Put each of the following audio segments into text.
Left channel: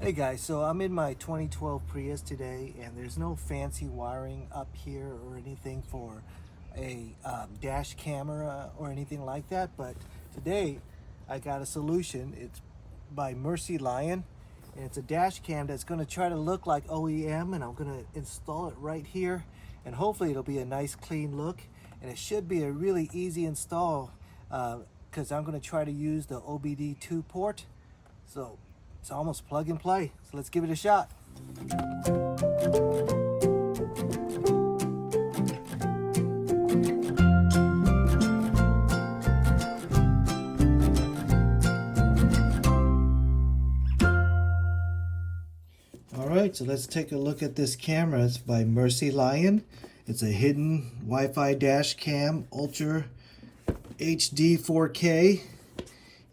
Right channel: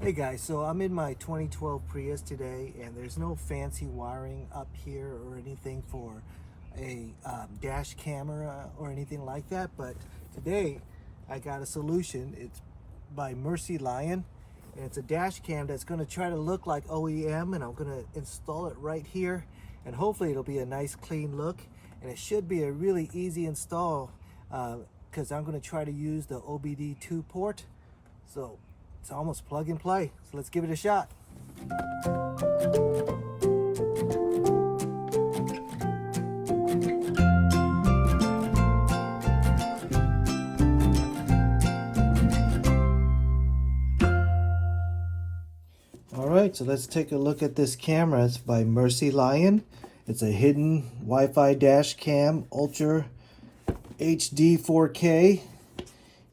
Hey guys, so I'm in my 2012 Prius today, and there's no fancy wiring up here or anything for a dash camera or anything like that, but today I got a solution. It's by Mercylion, and it's a dash cam that's going to try to look like OEM, and I'm going to install it right here, and hopefully it'll be a nice clean look, and it should be a really easy install because I'm going to try to use the OBDII port. So it's almost plug and play. So let's give it a shot. All right, so let's take a look at this camera. It's by Mercylion. It's a hidden Wi-Fi dash cam, Ultra HD 4K.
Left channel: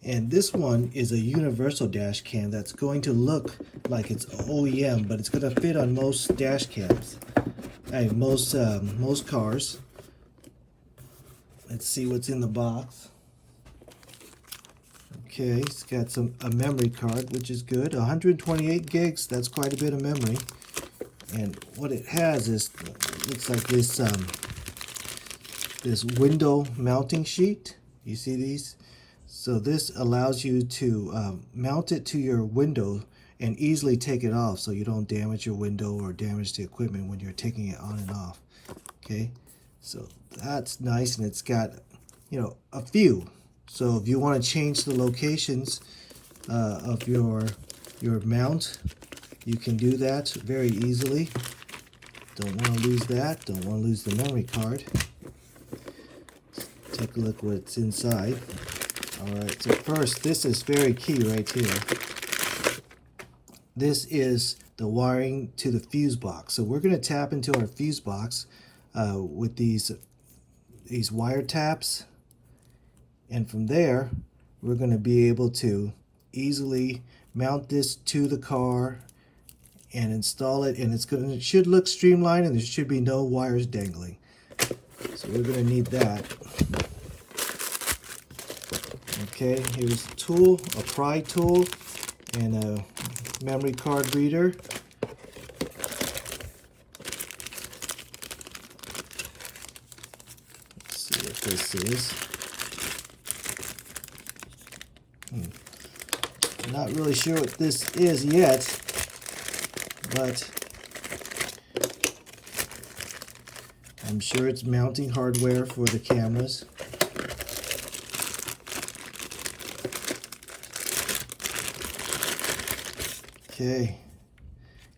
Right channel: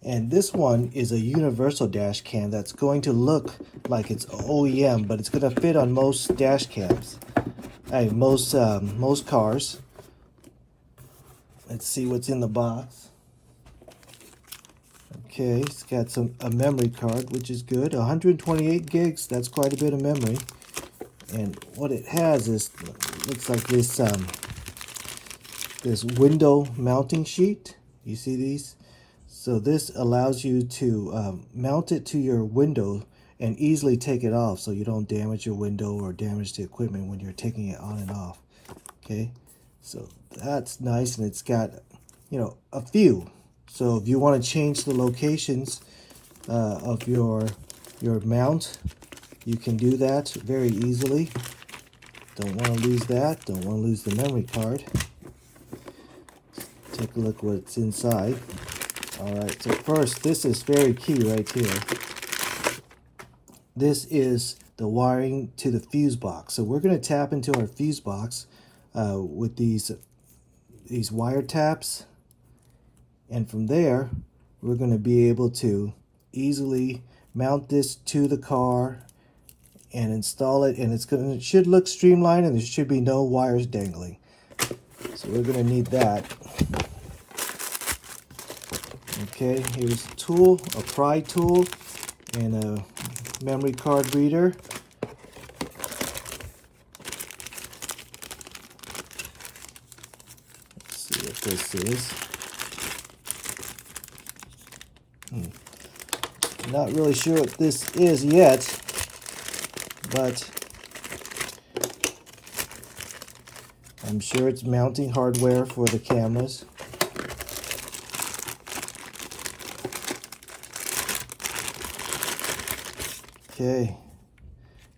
And this one is a universal dash cam that's going to look like it's OEM, but it's going to fit on most dash cams, most cars. Let's see what's in the box. Okay, it's got a memory card, which is good. 128 gigs. That's quite a bit of memory. And what it has is looks like this window mounting sheet. You see these? So this allows you to mount it to your window and easily take it off so you don't damage your window or damage the equipment when you're taking it on and off. Okay, so that's nice, and it's got, you know, a few. So if you want to change the locations of your mount, you can do that very easily. Don't want to lose that. Don't want to lose the memory card. Take a look what's inside. Alright, so first, this is very key right here. This is the wiring to the fuse box. So we're going to tap into our fuse box with these wire taps. And from there, we're going to be able to easily mount this to the car and install it. And it should look streamlined, and there should be no wires dangling. So we're going to need that. Okay, here's a tool, a pry tool, and a memory card reader. Let's see what this is. I'm not really sure what this is yet, but I'm sure it's mounting hardware for the cameras. Okay,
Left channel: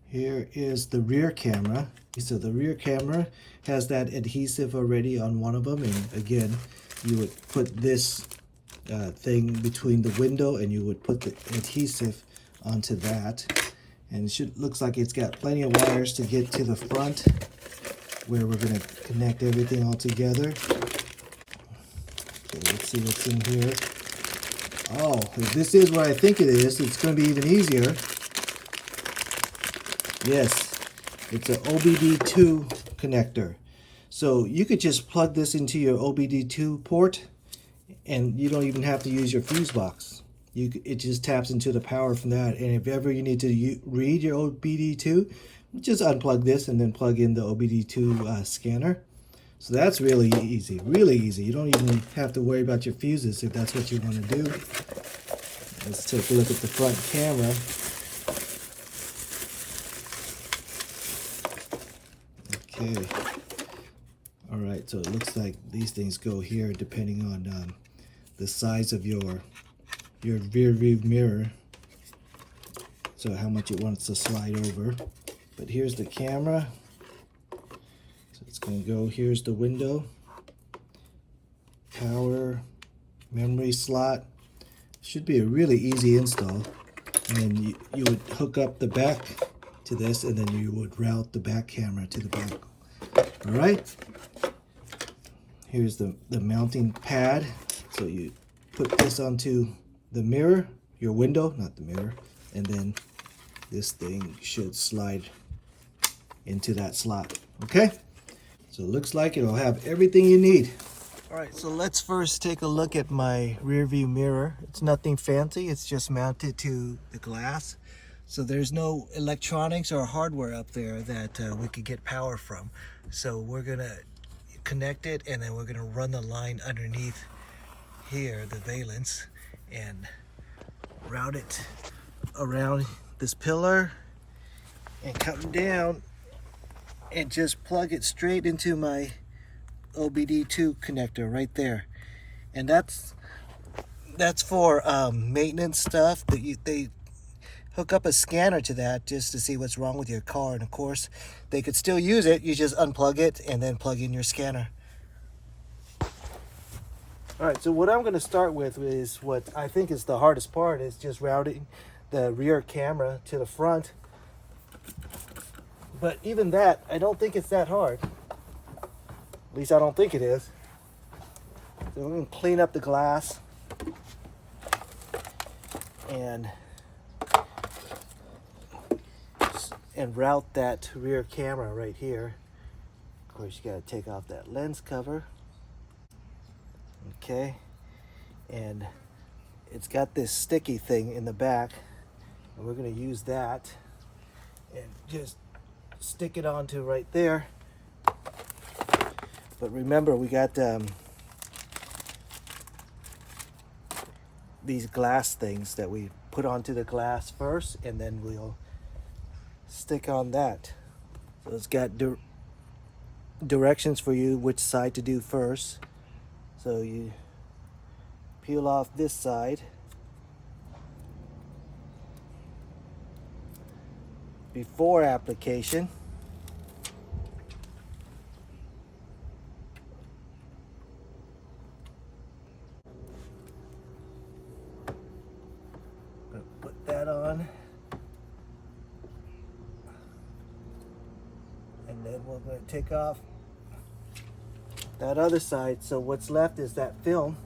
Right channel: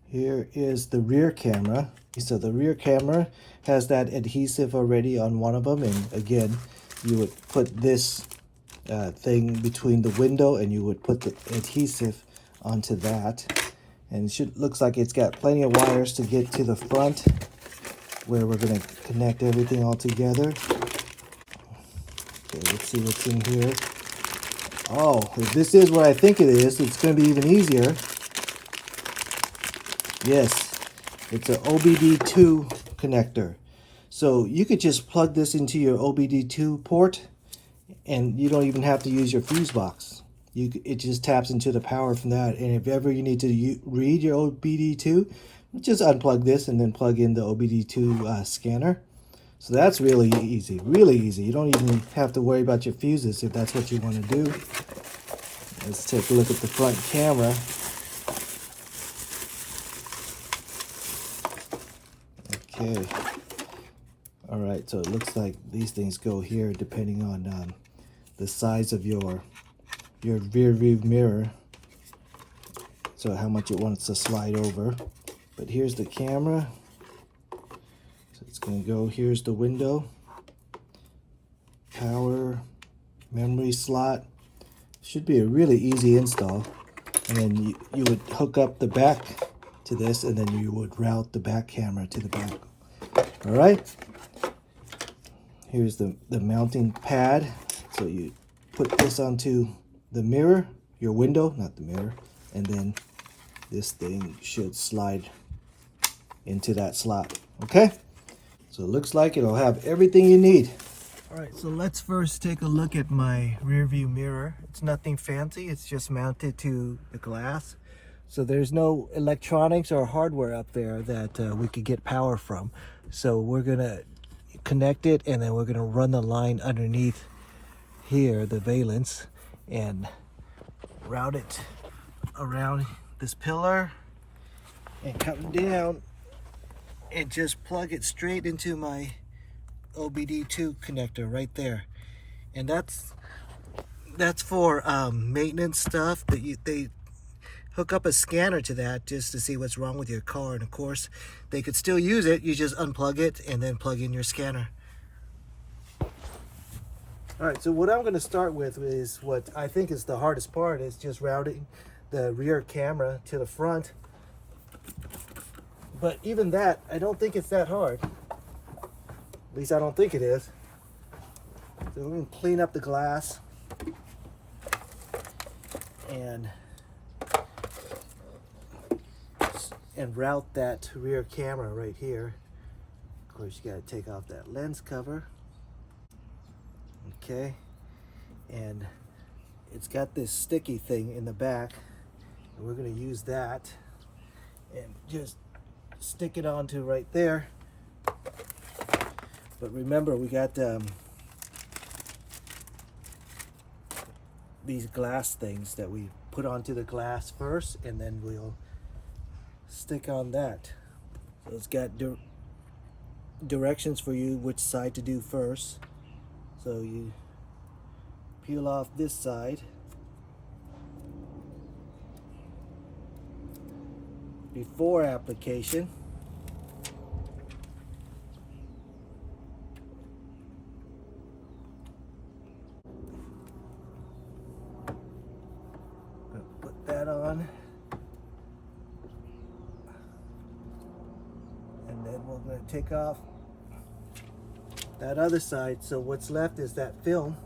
here is the rear camera. So the rear camera has that adhesive already on one of them, and again, you would put this thing between the window and you would put the adhesive onto that. And it looks like it's got plenty of wires to get to the front where we're going to connect everything all together. Okay, let's see what's in here. Oh, if this is what I think it is, it's going to be even easier. Yes, it's an OBDII connector. So you could just plug this into your OBDII port, and you don't even have to use your fuse box. It just taps into the power from that. And if ever you need to read your OBDII, just unplug this and then plug in the OBDII scanner. So that's really easy, really easy. You don't even have to worry about your fuses if that's what you want to do. Let's take a look at the front camera. Okay. All right, so it looks like these things go here depending on the size of your rear view mirror. So how much it wants to slide over. But here's the camera. So it's going to go, here's the window. Power, memory slot. Should be a really easy install. And then you would hook up the back to this, and then you would route the back camera to the back. All right. Here's the mounting pad. So you put this onto the mirror, your window, not the mirror, and then this thing should slide into that slot. Okay, so it looks like it'll have everything you need. All right, so let's first take a look at my rear view mirror. It's nothing fancy, it's just mounted to the glass. So there's no electronics or hardware up there that we could get power from. So we're gonna connect it, and then we're gonna run the line underneath here, the valence, and route it around this pillar and come down and just plug it straight into my OBDII connector right there. And that's for maintenance stuff. They hook up a scanner to that just to see what's wrong with your car, and of course they could still use it. You just unplug it and then plug in your scanner. All right, so what I'm going to start with is what I think is the hardest part, is just routing the rear camera to the front. But even that, I don't think it's that hard. At least I don't think it is. So I'm going to clean up the glass and route that rear camera right here. Of course, you got to take off that lens cover. Okay, and it's got this sticky thing in the back, and we're going to use that and just stick it onto right there. But remember, we got these glass things that we put onto the glass first, and then we'll stick on that. So it's got directions for you which side to do first. So you peel off this side before application. Gonna put that on. And then we're going to take off that other side. So what's left is that film,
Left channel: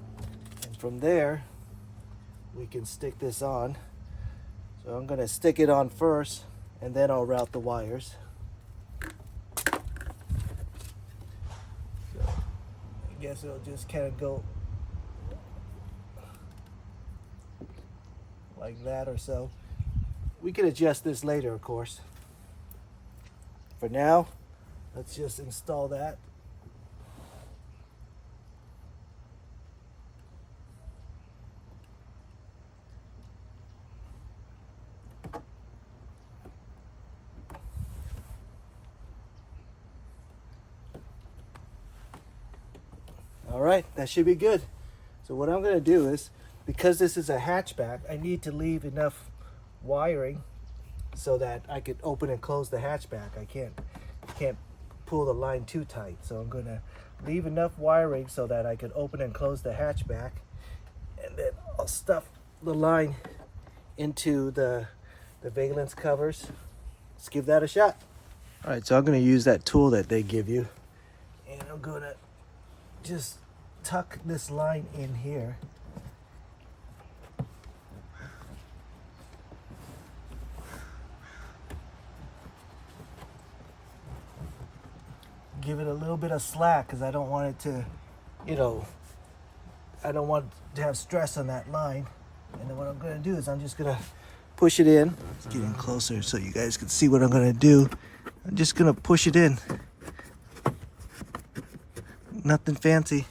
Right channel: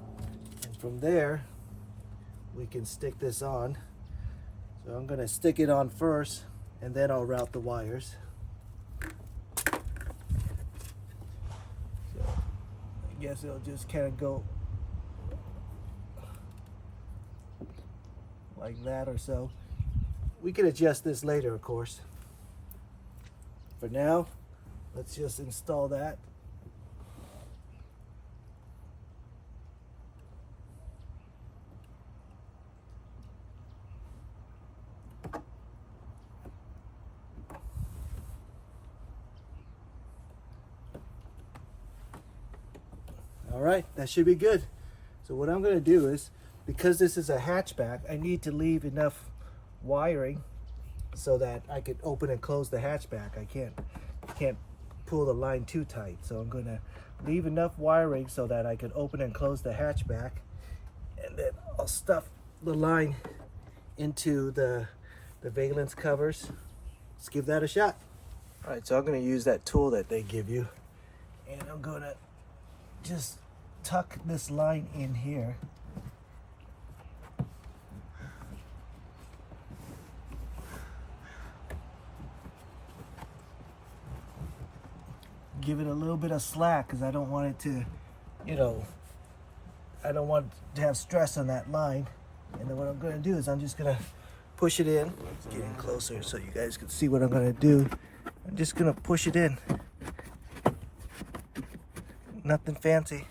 and from there we can stick this on. So I'm going to stick it on first, and then I'll route the wires. So I guess it'll just kind of go like that or so. We can adjust this later, of course. For now, let's just install that. All right, that should be good. So what I'm going to do is, because this is a hatchback, I need to leave enough wiring so that I could open and close the hatchback. I can't pull the line too tight. So I'm going to leave enough wiring so that I could open and close the hatchback, and then I'll stuff the line into the valence covers. Let's give that a shot. All right, so I'm going to use that tool that they give you, and I'm going to just tuck this line in here. Give it a little bit of slack because I don't want it to, I don't want to have stress on that line. And then what I'm going to do is I'm just going to push it in. It's getting closer so you guys can see what I'm going to do. I'm just going to push it in. Nothing fancy.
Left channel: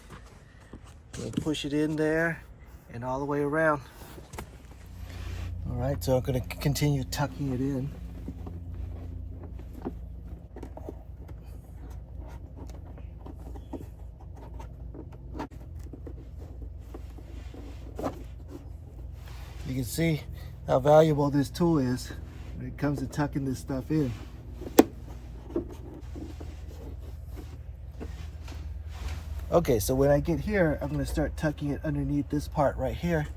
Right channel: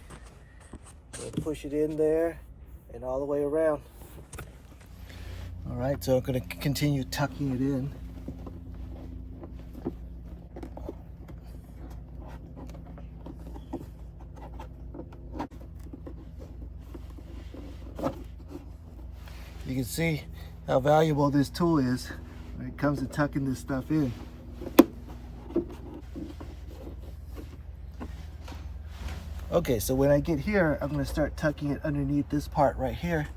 Push it in there and all the way around. All right, so I'm going to continue tucking it in. You can see how valuable this tool is when it comes to tucking this stuff in. Okay, so when I get here, I'm going to start tucking it underneath this part right here.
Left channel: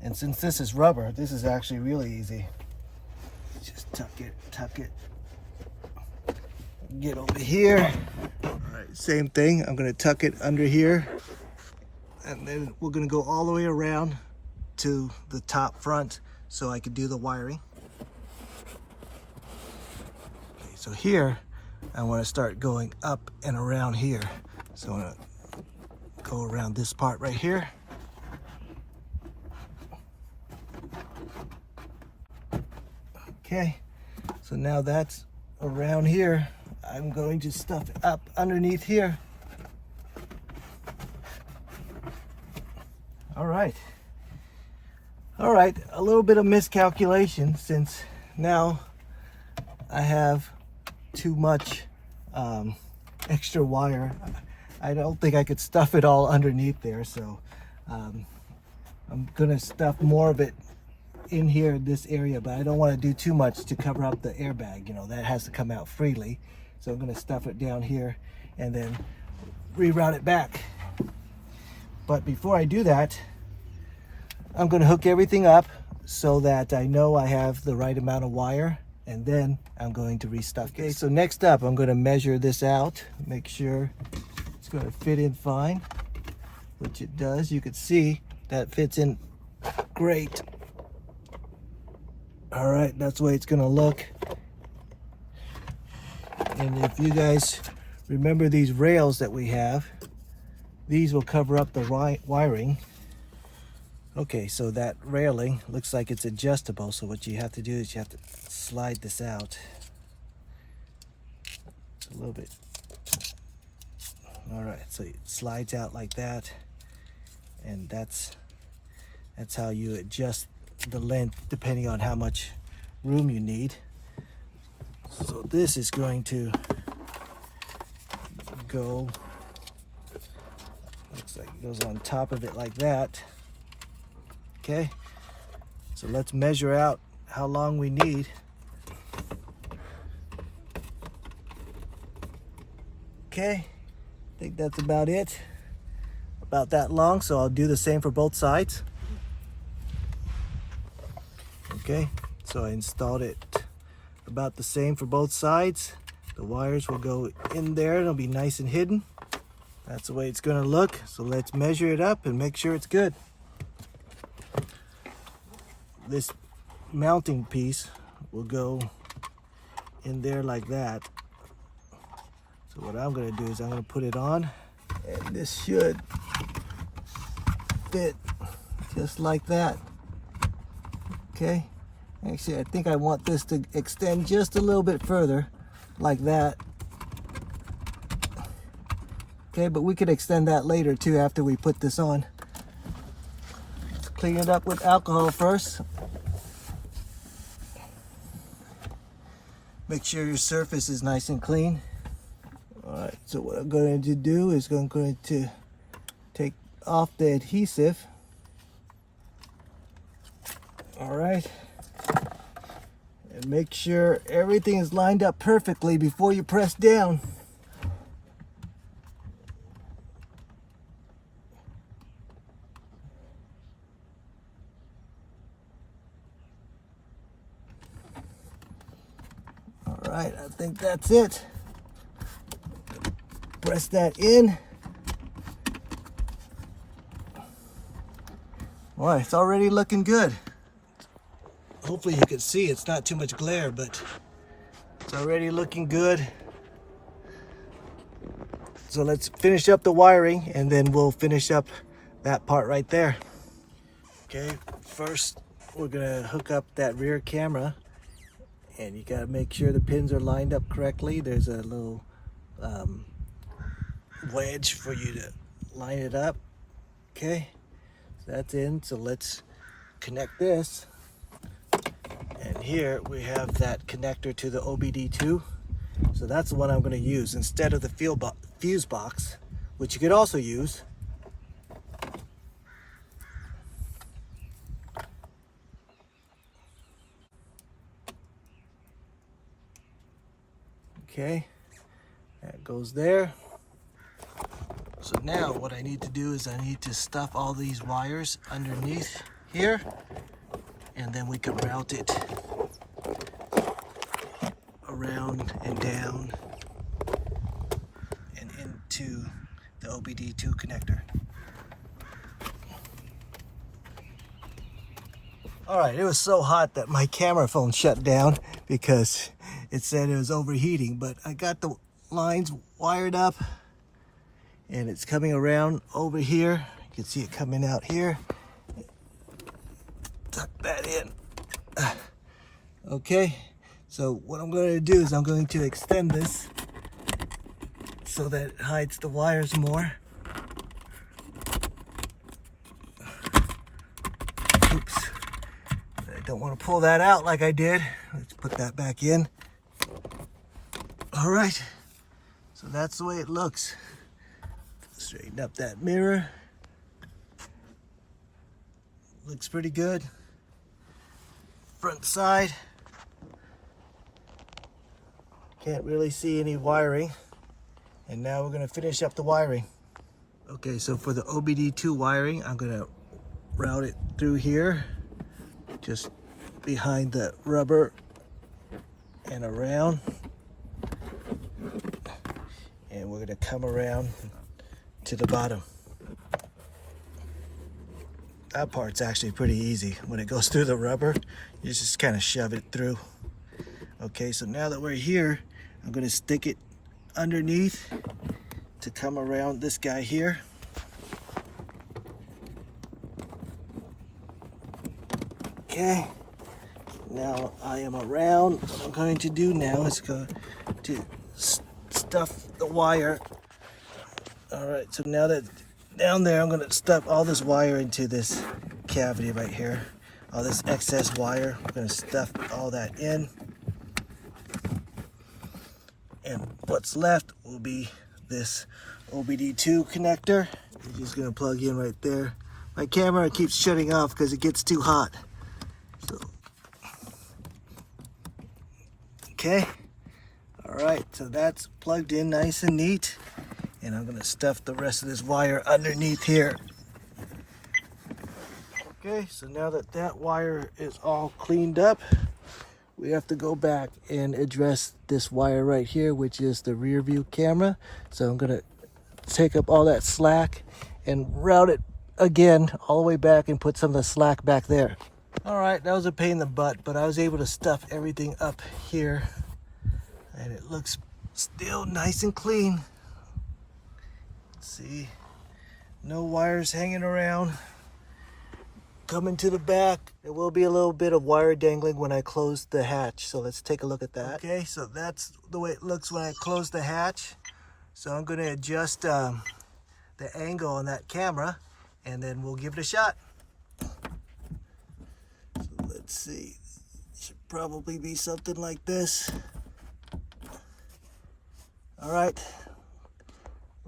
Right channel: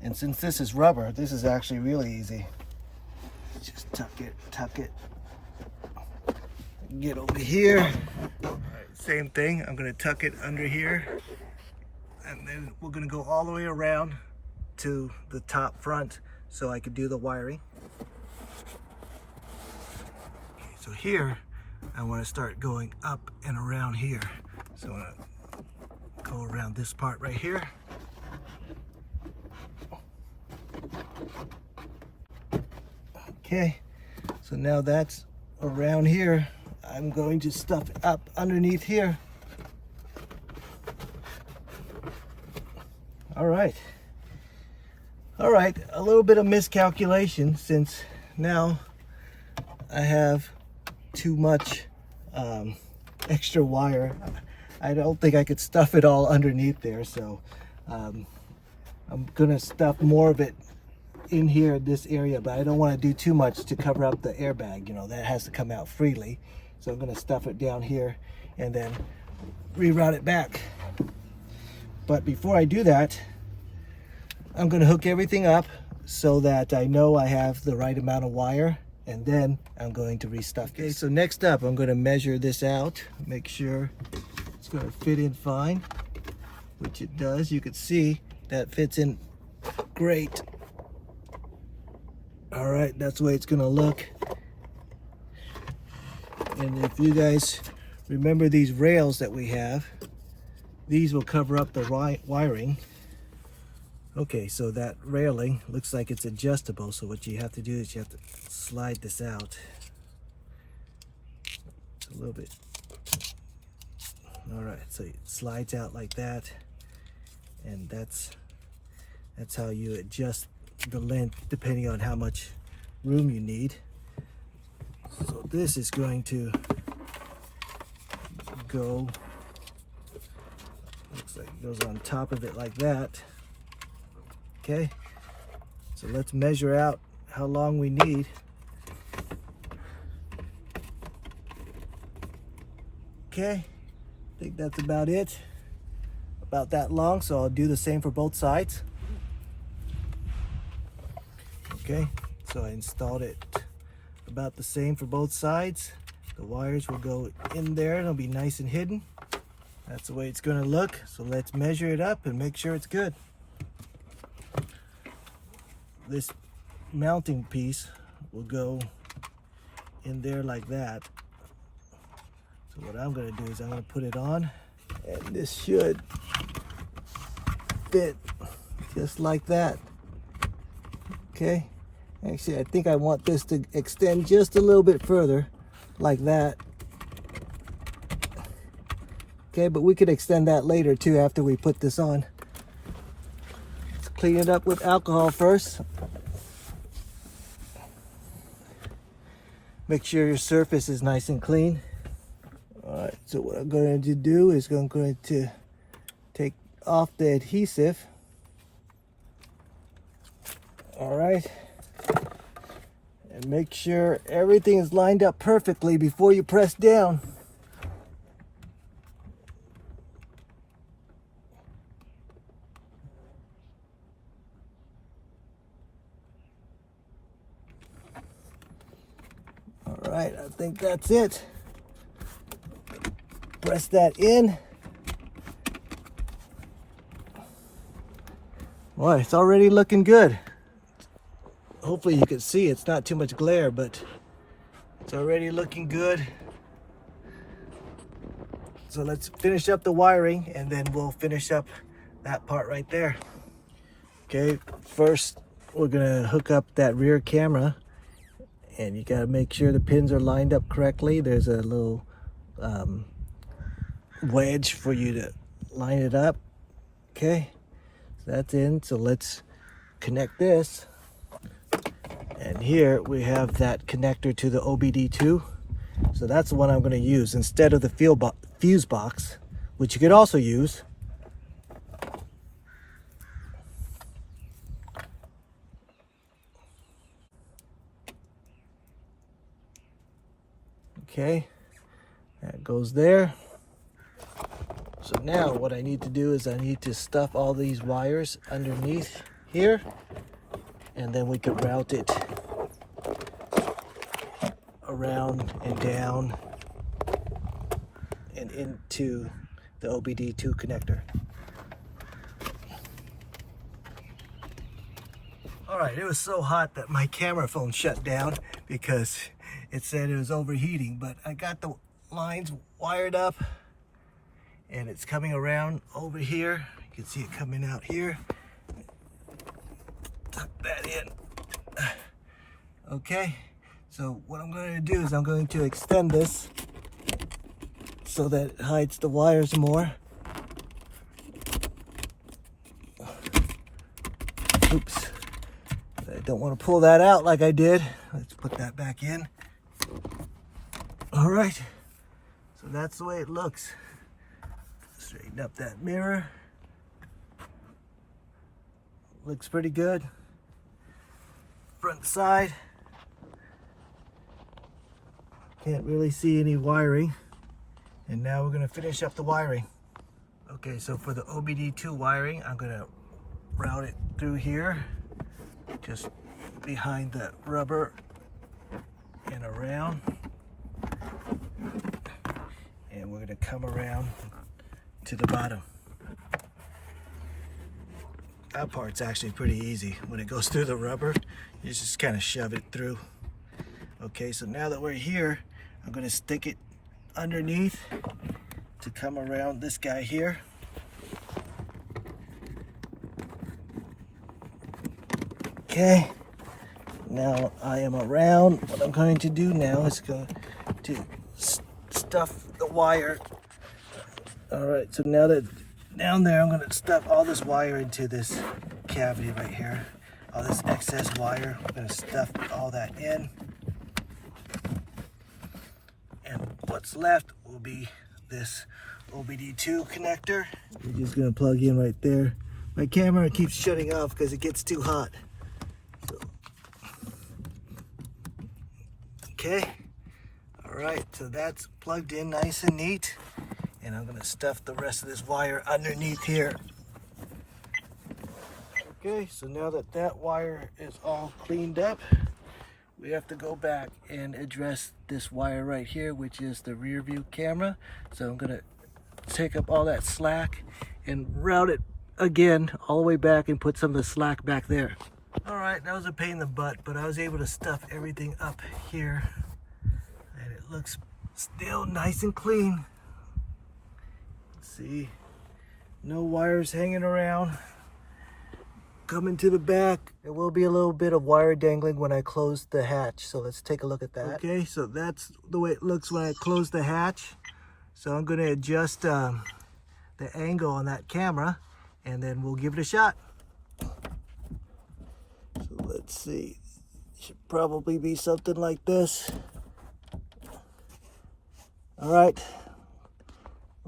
And since this is rubber, this is actually really easy. Just tuck it. Get over here. All right, same thing. I'm going to tuck it under here. And then we're going to go all the way around to the top front so I can do the wiring. So here, I want to start going up and around here. So I'm going to go around this part right here. Okay, so now that's around here. I'm going to stuff it up underneath here. All right, a little bit of miscalculation, since now I have too much extra wire. I don't think I could stuff it all underneath there, so I'm gonna stuff more of it in here in this area, but I don't want to do too much to cover up the airbag. You know, that has to come out freely, so I'm gonna stuff it down here and then reroute it back. But before I do that, I'm gonna hook everything up so that I know I have the right amount of wire, and then I'm going to restuff this. Okay, so next up, I'm gonna measure this out, make sure it's gonna fit in fine, which it does. You can see that fits in great. All right, that's the way it's gonna look. And if you guys remember these rails that we have, these will cover up the wiring. Okay, so that railing looks like it's adjustable, so what you have to do is you have to slide this out a little bit. All right, so it slides out like that, and that's how you adjust the length depending on how much room you need. So this is going to go, looks like it goes on top of it like that. Okay, so let's measure out how long we need. Okay, I think that's about it, about that long, so I'll do the same for both sides. Okay, so I installed it about the same for both sides. The wires will go in there, it'll be nice and hidden. That's the way it's gonna look. So let's measure it up and make sure it's good. This mounting piece will go in there like that. So what I'm gonna do is I'm gonna put it on, and this should fit just like that. Okay, actually I think I want this to extend just a little bit further, like that. Okay, but we could extend that later too after we put this on. Let's clean it up with alcohol first. Make sure your surface is nice and clean. All right, so what I'm going to do is I'm going to take off the adhesive. All right, and make sure everything is lined up perfectly before you press down. All right, I think that's it. Press that in. Boy, it's already looking good. Hopefully you can see it's not too much glare, but it's already looking good. So let's finish up the wiring, and then we'll finish up that part right there. Okay, first we're gonna hook up that rear camera, and you gotta make sure the pins are lined up correctly. There's a little wedge for you to line it up. Okay, so that's in. So let's connect this. And here we have that connector to the OBDII. So that's the one I'm going to use instead of the fuse box, which you could also use. Okay, that goes there. So now what I need to do is I need to stuff all these wires underneath here, and then we could route it around and down and into the OBDII connector. All right, it was so hot that my camera phone shut down because it said it was overheating, but I got the lines wired up and it's coming around over here. You can see it coming out here. Tuck that in. Okay, so what I'm going to do is I'm going to extend this so that it hides the wires more. Oops, I don't want to pull that out like I did. Let's put that back in. All right, so that's the way it looks. Straighten up that mirror. Looks pretty good. Front side. Can't really see any wiring. And now we're gonna finish up the wiring. Okay, so for the OBDII wiring, I'm gonna route it through here, just behind the rubber and around. And we're gonna come around to the bottom. That part's actually pretty easy. When it goes through the rubber, you just kind of shove it through. Okay, so now that we're here, I'm gonna stick it underneath to come around this guy here. Okay, now I am around. What I'm going to do now is go to stuff the wire. All right, so now that down there, I'm gonna stuff all this wire into this cavity right here. All this excess wire, I'm gonna stuff all that in. And what's left will be this OBDII connector. We're just gonna plug in right there. My camera keeps shutting off because it gets too hot. So, okay, all right, so that's plugged in nice and neat. And I'm gonna stuff the rest of this wire underneath here. Okay, so now that that wire is all cleaned up, we have to go back and address this wire right here, which is the rear view camera. So I'm gonna take up all that slack and route it again all the way back and put some of the slack back there. All right, that was a pain in the butt, but I was able to stuff everything up here and it looks still nice and clean. See, no wires hanging around. Coming to the back, there will be a little bit of wire dangling when I close the hatch. So let's take a look at that. Okay, so that's the way it looks when I close the hatch. So I'm going to adjust the angle on that camera and then we'll give it a shot. So let's see, it should probably be something like this. All right.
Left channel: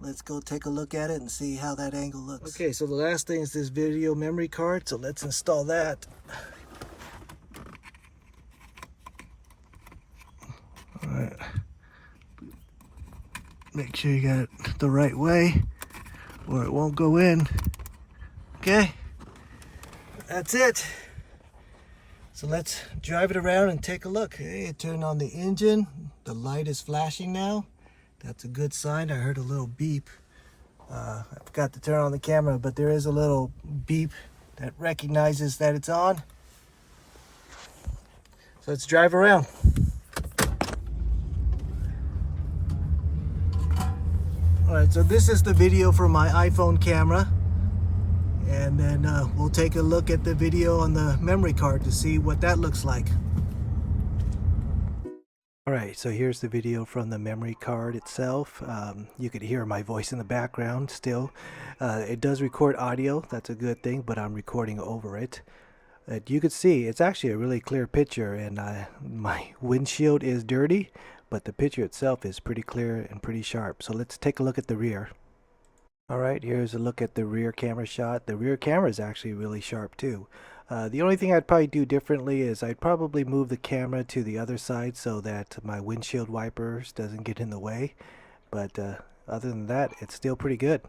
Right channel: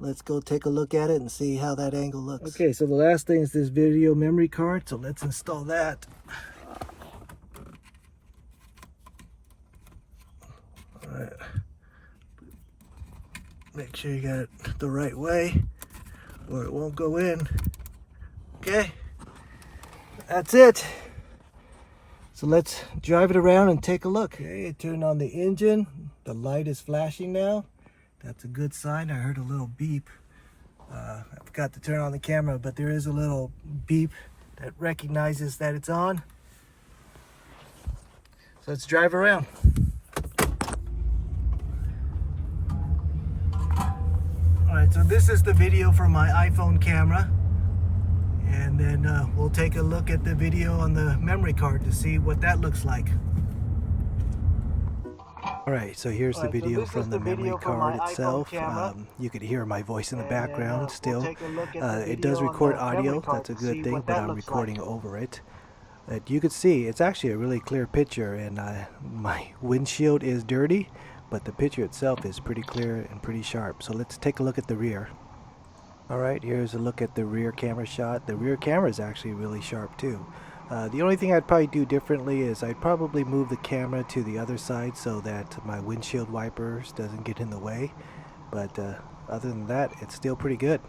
Let's go take a look at it and see how that angle looks. Okay, so the last thing is this video memory card, so let's install that. All right. Make sure you got it the right way or it won't go in. Okay, that's it. So let's drive it around and take a look. Okay, it turned on the engine. The light is flashing now. That's a good sign. I heard a little beep. I forgot to turn on the camera, but there is a little beep that recognizes that it's on. So let's drive around. All right, so this is the video from my iPhone camera. And then we'll take a look at the video on the memory card to see what that looks like. Alright, so here's the video from the memory card itself. You could hear my voice in the background still. It does record audio, that's a good thing, but I'm recording over it. You could see it's actually a really clear picture, and my windshield is dirty, but the picture itself is pretty clear and pretty sharp. So let's take a look at the rear. Alright, here's a look at the rear camera shot. The rear camera is actually really sharp too. The only thing I'd probably do differently is I'd probably move the camera to the other side so that my windshield wipers doesn't get in the way. But other than that, it's still pretty good.